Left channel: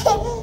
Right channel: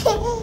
Okay.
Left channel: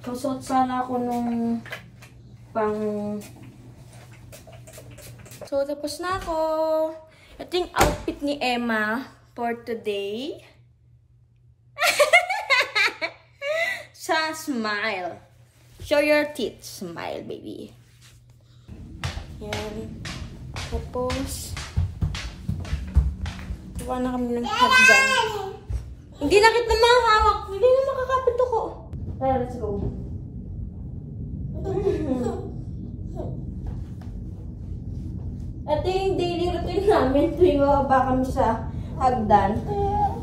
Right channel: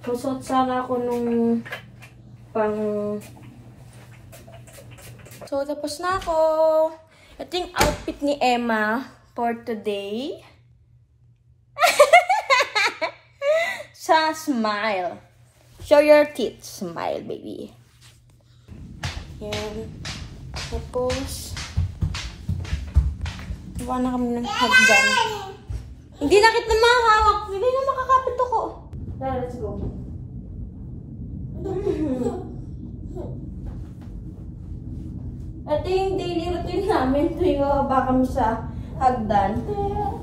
Susot sana ako nung So, tapos na ako. Ito yung outfit ni Emma for today. Sa smile. Show your teeth. Smile, baby. Yan. Tapos, gawa na kami ng hagdan. Hindi na kita mahawak. Hindi na makakapit ako. Let's go. Ito yung daily routine namin tuwing mababa kami sa hagdan.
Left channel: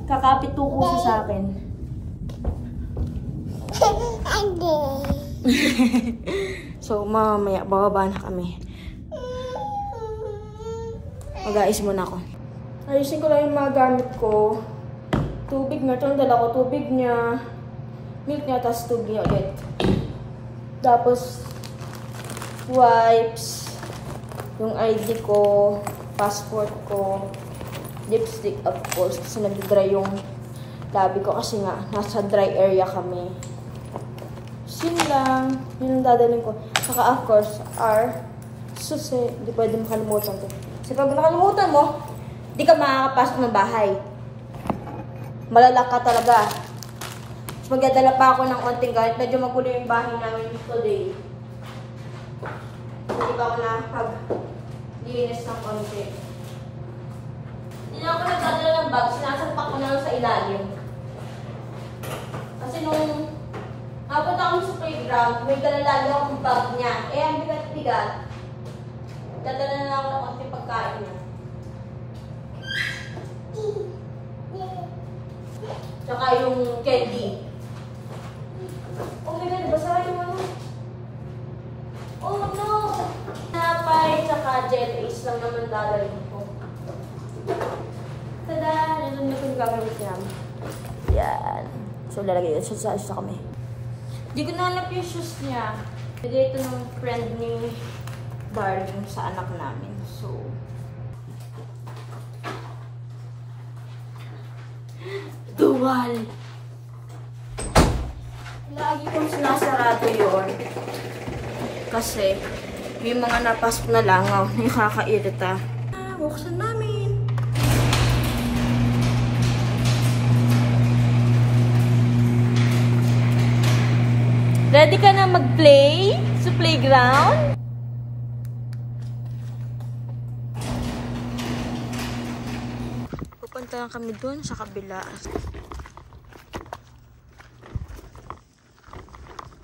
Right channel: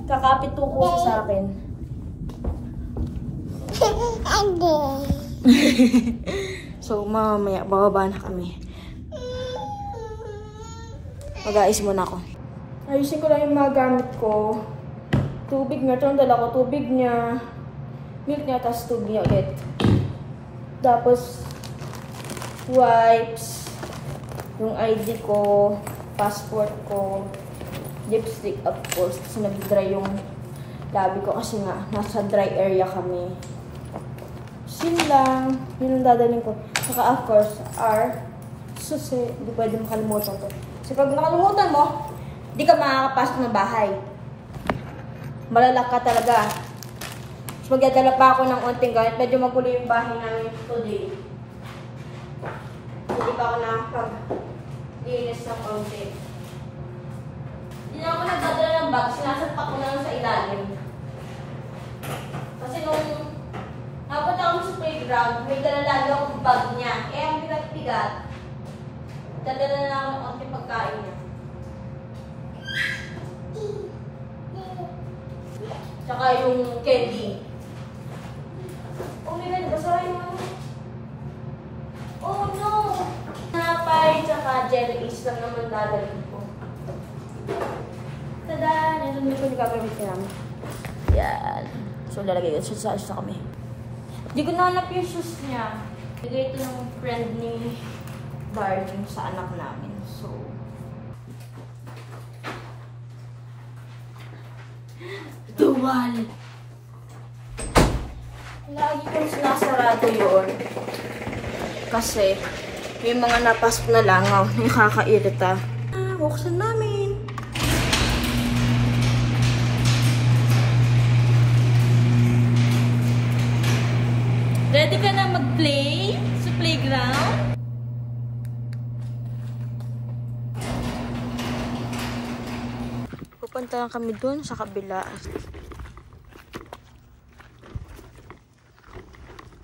Kakapit tuko siya sa akin. So, mamaya, bababa na kami. Mag-aayos muna ako. Ayusin ko lang yung mga gamit ko. Tubig nga. Ito ang dala ko. Tubig niya. Milk niya, tapos tubig niya ulit. Tapos, wipes. Yung ID ko. Passport ko. Lipstick, of course. Kasi nag-dry yung labi ko. Kasi nga, nasa dry area kami. Yun lang. Yun ang dadalhin ko. Saka, of course, susi. Hindi pwede makalimutan to. Kasi pag nakalimutan mo, di ka makakapasok ng bahay. Malalak ka talaga. Magdadala pa ako ng onting gamit. Medyo magulo yung bahay namin today. Hindi pa ako nakapag-linis ng konti. Hindi na ako nagdadala ng bag. Sinasapak ko na lang sa ilalim. Kasi nung napunta ako sa playground, may dala lagi akong bag niya. Eh, ang bigat-bigat. Dadala na ako ng konting pagkain niya. Tsaka yung candy. Oh my God, basa yung ano. Oh no! Napay, tsaka jelly is lang naman dadalhin ko. Tada! Yan ang gagawin ko namin. Yan. So, lalagay yun. Sa kami. Hindi ko nahanap yung shoes niya. Bigay ito ng friend ni Darling sa anak namin. So, duwal! Lagi kong sinasarado yun. Kasi, may mga napasok na langaw na nakakairita. Buksan namin. Ready ka na mag-play sa playground? Pupunta lang kami dun sa kabila.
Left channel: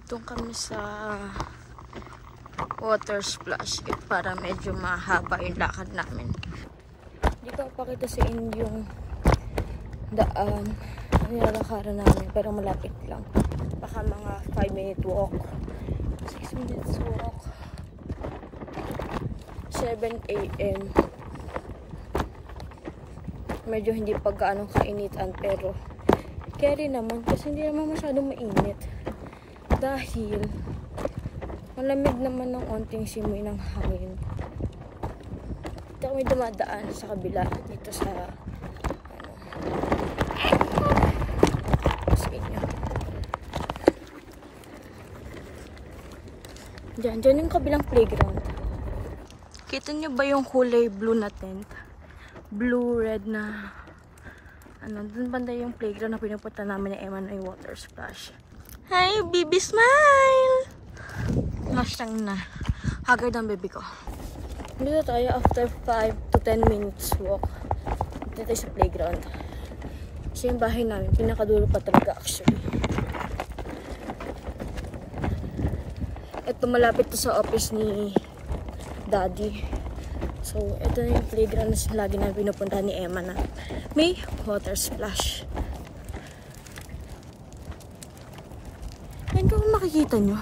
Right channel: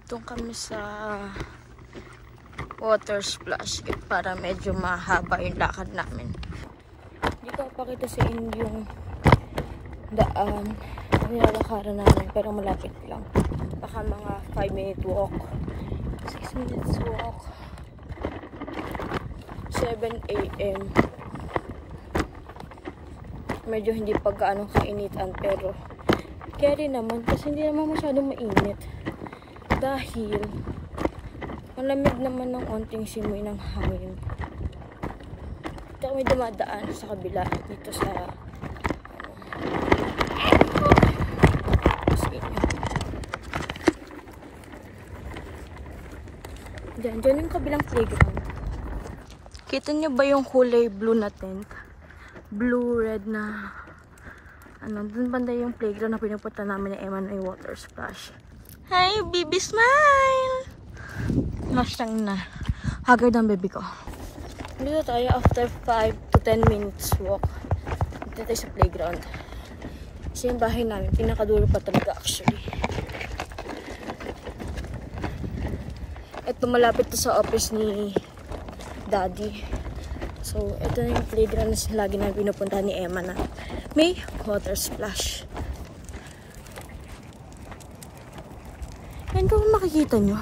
Doon kami sa water splash para medyo mahaba yung lakad namin. Dito ako pakita sa inyo yung daan na nilalakaran namin, pero malapit lang. Baka mga 5-minute walk, 6 minutes walk, 7 AM. Medyo hindi pa gaano kainitan, pero carry naman kasi hindi naman masyadong mainit. Dahil malamig naman ng onting simoy ng hangin. Dito kami dumadaan sa kabila dito sa doon yung kabilang playground. Kita nyo ba yung kulay blue na tent? Blue, red na doon banda yung playground na pinupunta namin ni Emma na yung water splash. Hi, baby smile! Nasyang na. Haggard ang baby ko. Dito tayo after 5 to 10 minutes walk. Dito tayo sa playground. Kasi yung bahay namin, pinakadulo pa talaga actually. Ito malapit to sa office ni Daddy. So, ito na yung playground na lagi na pinupunta ni Emma na may water splash. Yan po makikita nyo.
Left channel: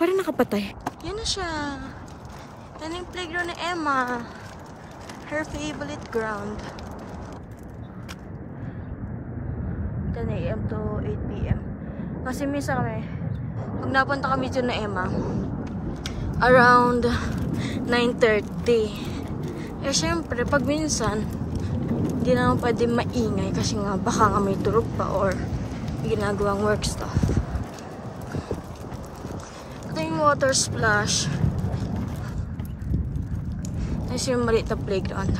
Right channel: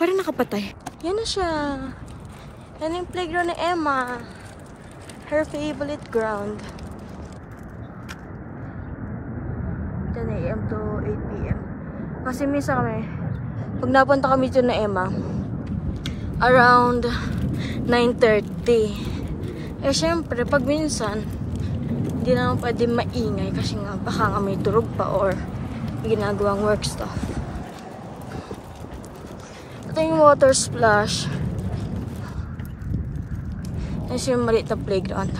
Parang nakapatay. Yan na siya. Yan yung playground ni Emma. Her favorite ground. 10 AM to 8 PM. Kasi minsan kami, pag napunta kami dyan na Emma, around 9:30. Eh, syempre, pag minsan, hindi naman pwede maingay kasi nga, baka nga may turog pa or ginagawang work stuff. Ito yung water splash. Ito yung maliit na playground.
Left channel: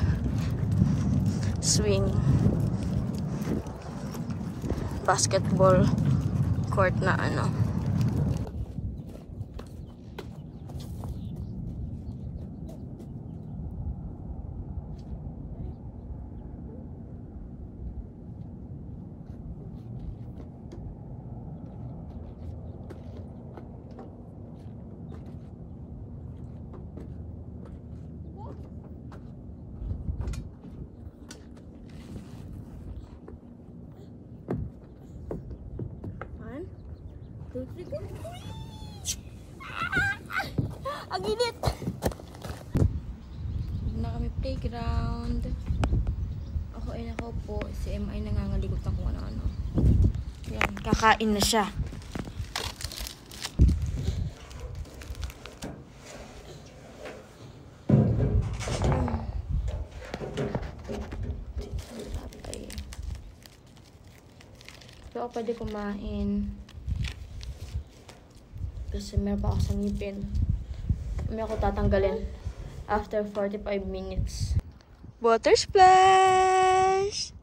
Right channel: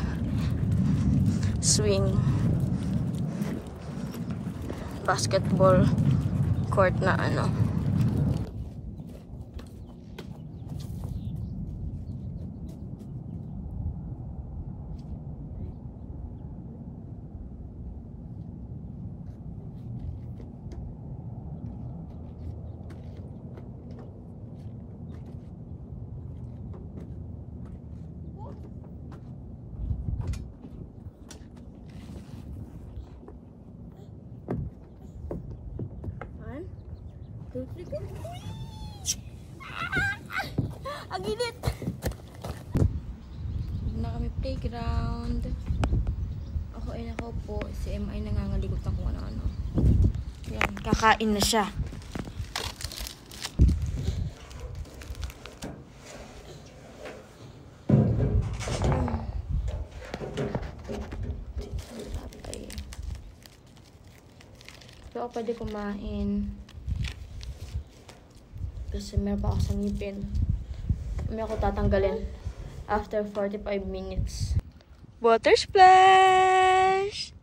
Swing. Basketball court na Ang init! Na kami playground. Ako ay nakaupo. Si Emma ay nangangaligot ng kung ano-ano. Yan, kakain na siya. So, ako pwede kumain. Kasi meron pa ako sa ngipin. May ako tatanggalin after 45 minutes. Water splash!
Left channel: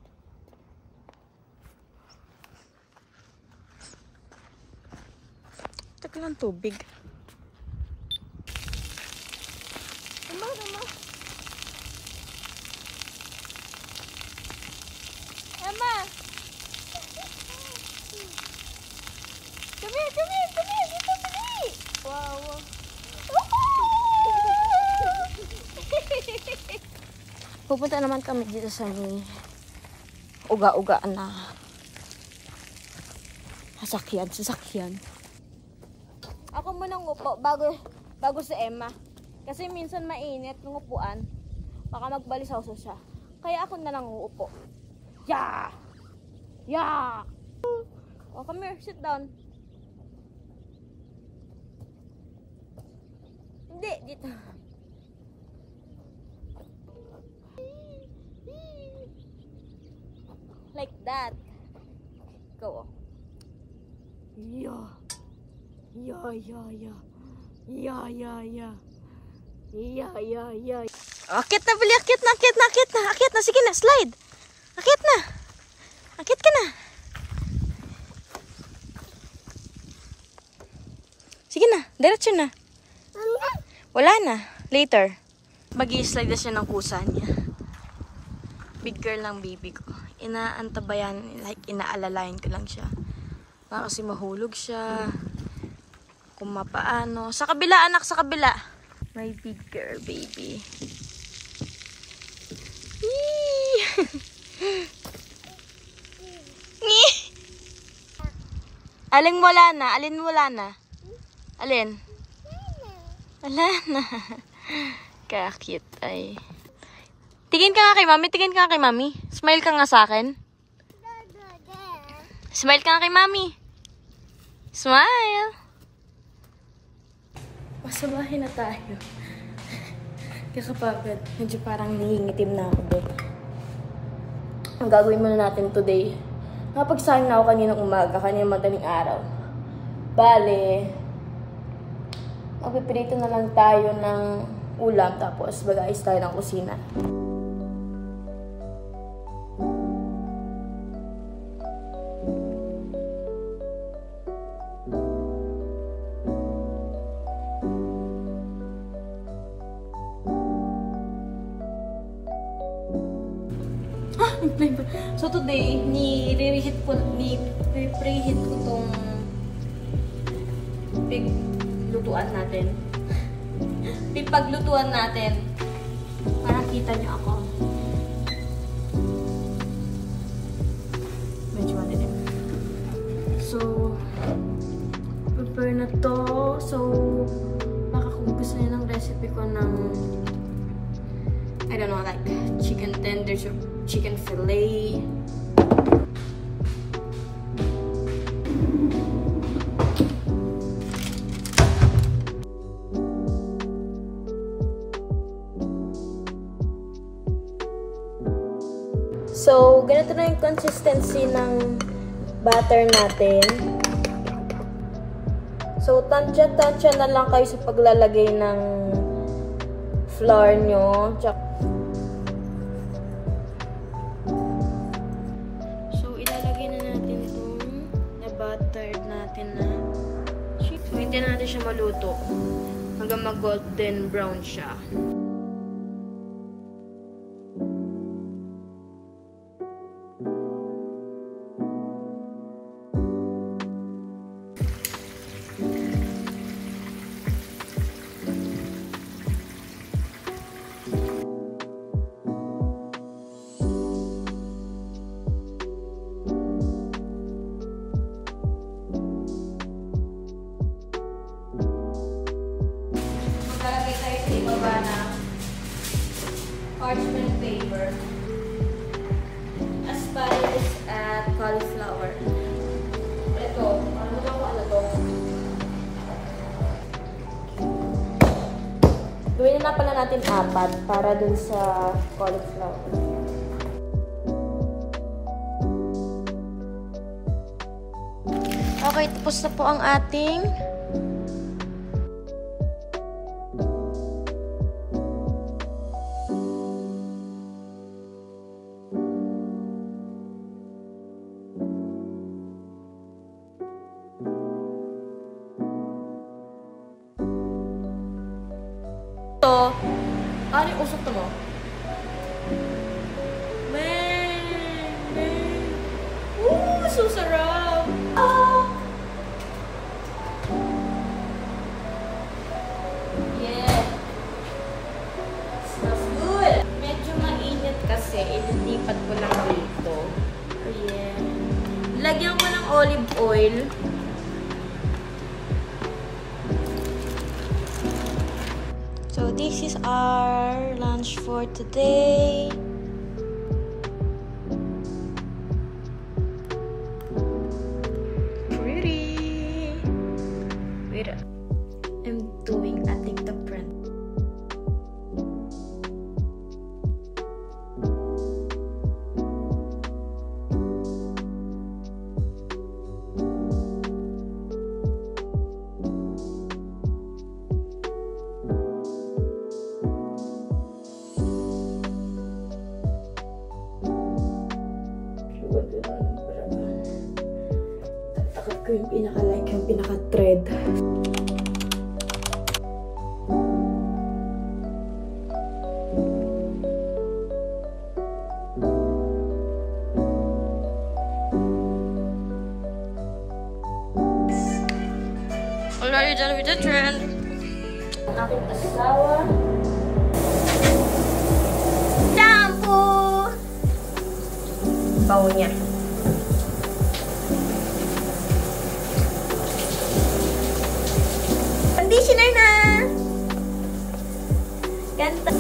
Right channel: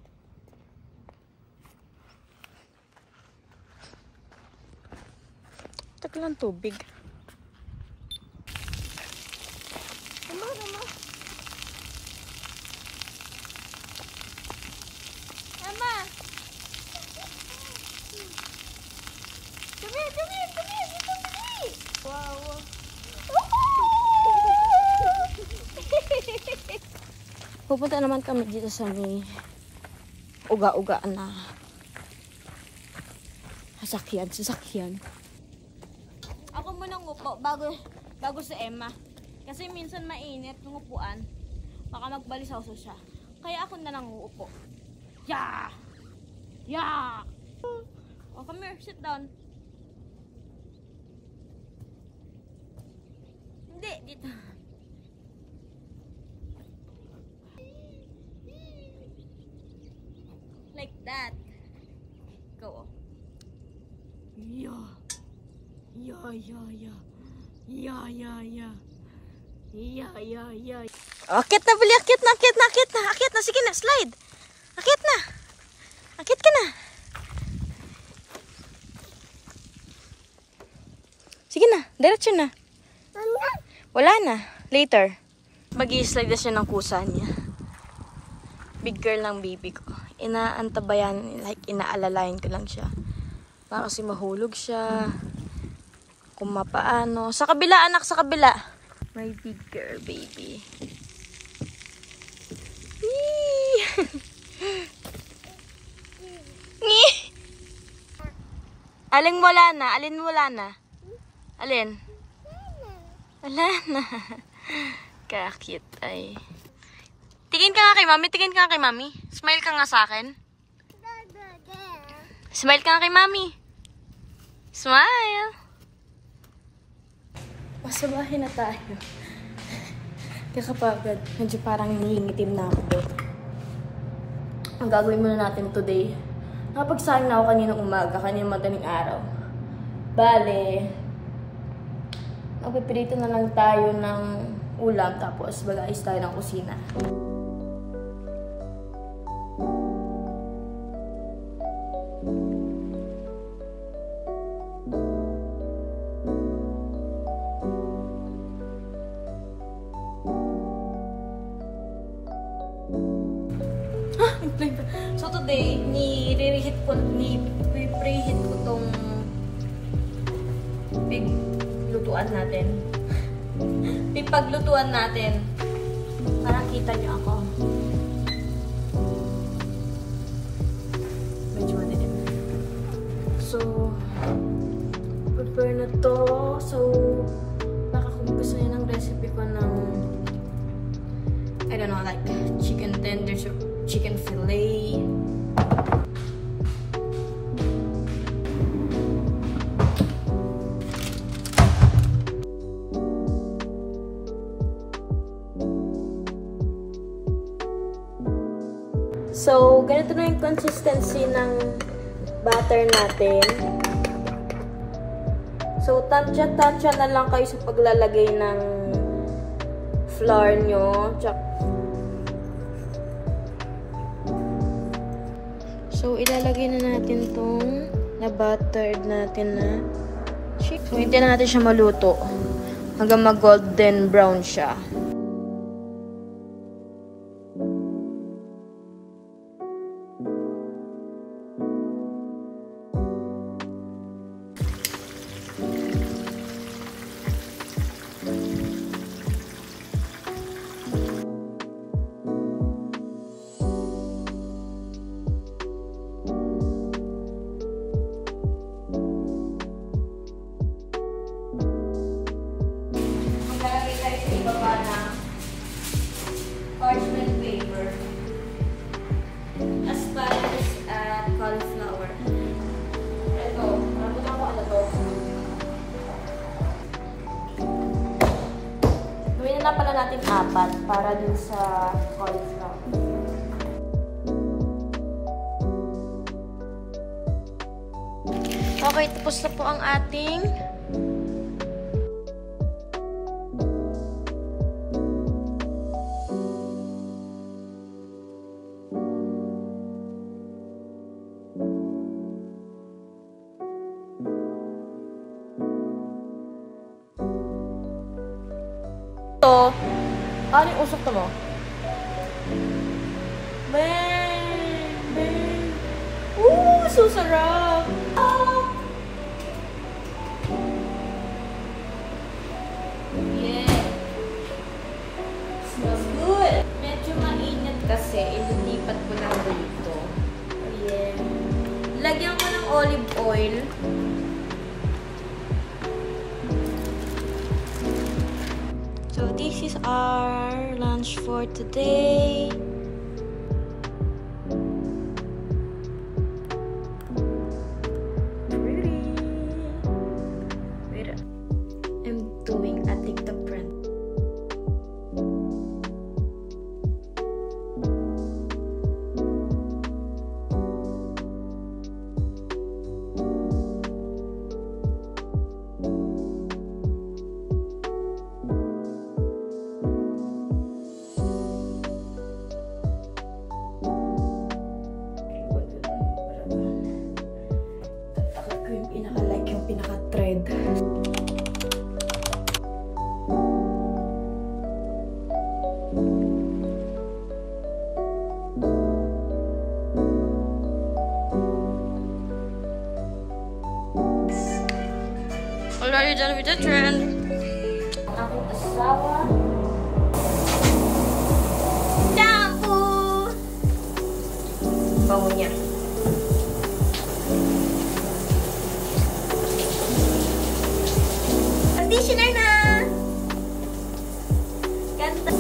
Tagal ng tubig. Tama. Tama! Dumi! Wow! Pupunta naman kami dito sa may uga-ugaan na sasakyan. Ako muna ngupo bago si Emma. Kasi minsan mainit ng upuan. Baka magbalisaw siya. Kaya ako na lang uupo. Yeah! Oh, come here, sit down. Hindi, dito. Like that. Go. Yeah. Akit na, bali. Akit na. Sige na, slide. Akit ka na. na. Diretso na. Wala na. Later. Mag-i-slide na siya ng kusa niya. Big girl ng baby ko. Inaantabayan, like inaalalayan ko lang siya. Para kasi mahulog siya. Kung mapaano. Sa kabila, anak, sa kabila. My big girl baby. Alin wala na? Alin wala na? Alin? Wala na. Kaya-cute ay. Tingin ka nga kay mami. Tingin ka nga kay mami. Smile ka nga sa akin. Smile ka nga kay mami. Smile. Pasabahin na tayo. Kakapagod. Medyo parang nangingitim na ako doon. Ang gagawin muna natin today. Napagsayang na ako kaninang umaga, kaninang madaling araw. Bale, magpipirito na lang tayo ng ulam, tapos mag-aayos tayo ng kusina. So today, ni-preheat ko tong piglutuan natin. Pipaglutuan natin. Para kita nyo ako. Medyo madilim. So, prepare na to. So, baka kung gusto nyo ng recipe ko ng I don't know, like chicken tenders or chicken fillet. So, ganito na yung consistency ng batter natin. So, tansya-tansya na lang kayo sa paglalagay ng flour nyo. So, ilalagay na natin tong na-buttered natin na chicken. So, hintayin na natin siya maluto hanggang mag-golden brown siya. Parchment paper, asparagus at cauliflower. Ito, kalimutan ko ano to. Gawin na pala natin 4 para dun sa cauliflower. Okay, tapos na po ang ating ano yung usap to mo? So sarap! Yeah! Smells good! Medyo mainit kasi, ililipat ko lang dito. Oh yeah! Lagyan ko ng olive oil. So this is our lunch for today. Pretty. Wait, I'm doing a TikTok trend. Takot ko yung pinaka-like, yung pinaka-thread. we're done with the trend. Ang aking asawa. Shampoo! Bango niya. Conditioner na! Ganda.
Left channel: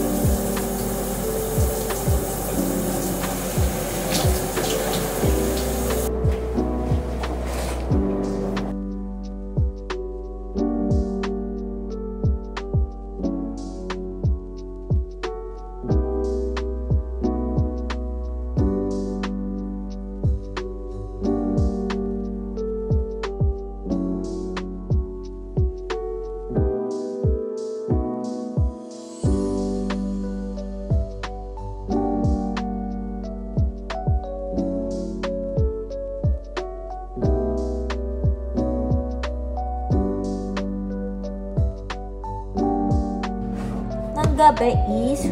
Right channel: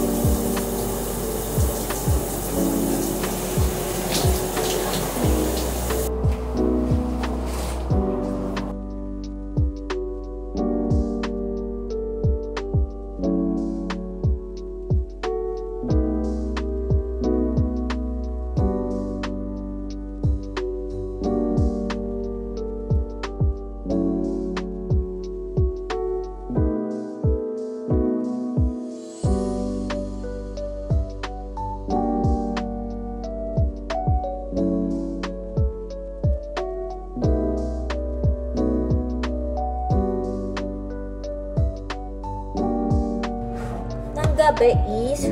Gabi is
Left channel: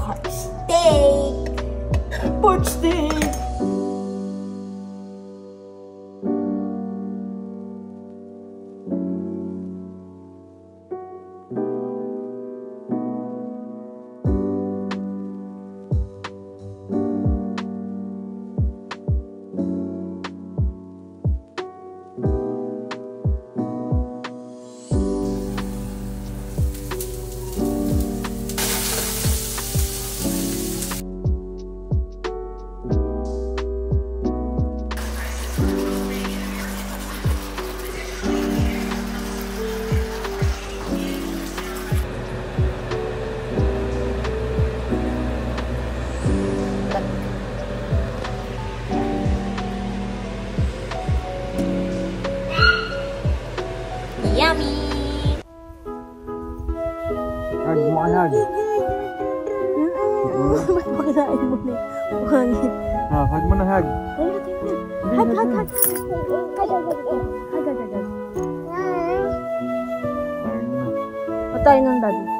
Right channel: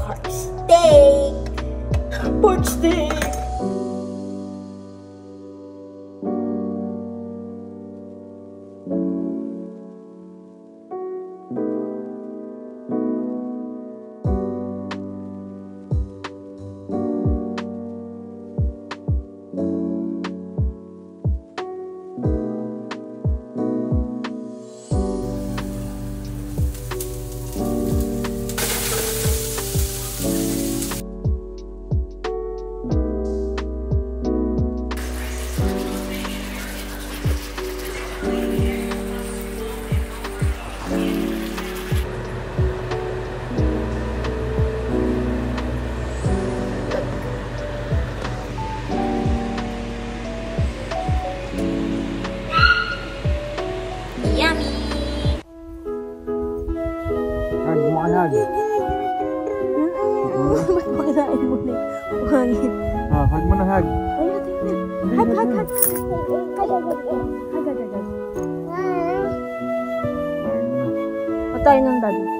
pork steak. Pork steak. Yummy! Hag mo ka hag. Ba't makalain mo na yung hangin? Hag mo na hag. Hag. Patay ng dad.